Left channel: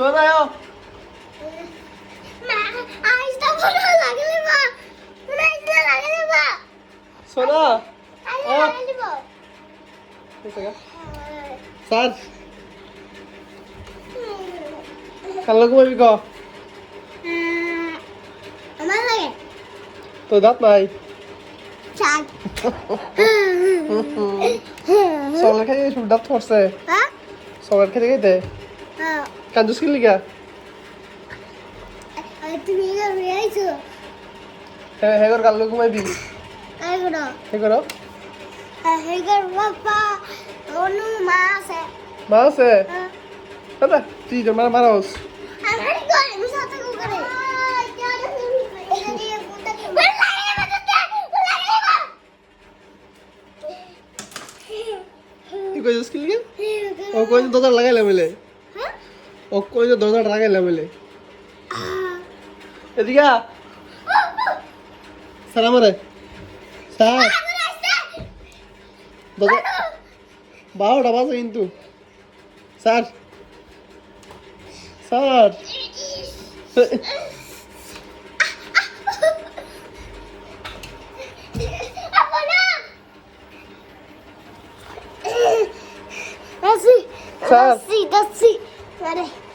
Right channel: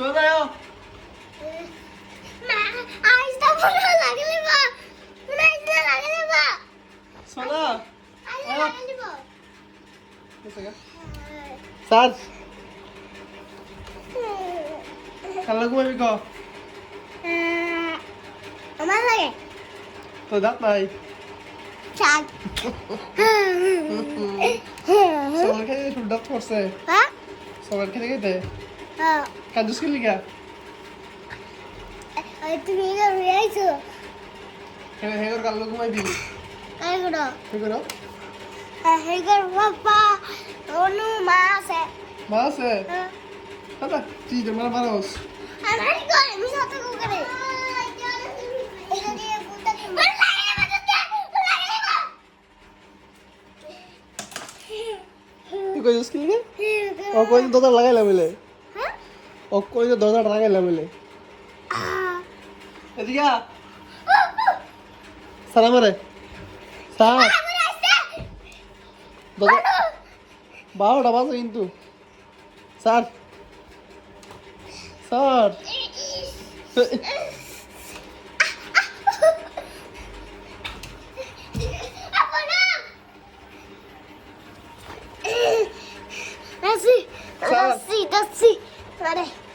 সোনা আয় মা। আইসটা বড় লাগলে মা। আইসটা লাগলে মা সোনা আহ। লাগলে মা। স্যার। কালো ঘুমাবি ক? আমার লাগে। তো দাঁত নাই চাক সকাল খেয়ে শুধু দাঁত পড়ছে। হ্যাঁ? সকাল খেতে খেতে হ্যাঁ। কান্দুস কি লিগা? তুমি এটা রয়েছো হ্যাঁ হ্যাঁ কর কালো ঘুমাবি এগুলো। হ্যাঁ হেগর বাবা অনু মা আছে। মা আছে? দাদা তুই তো মারা মারাস আমি কই আমি করে। তুই কইছিস কি লিগা? ও কই দরজা লাগাইলাম বলে। ও কই দরজা লাগাইলাম বলে। এদিকে। স্যার আমারে। স্যার। বারোটা বাজে কিন্তু। Sir. Sir. Así, Sal. así, así. Ready.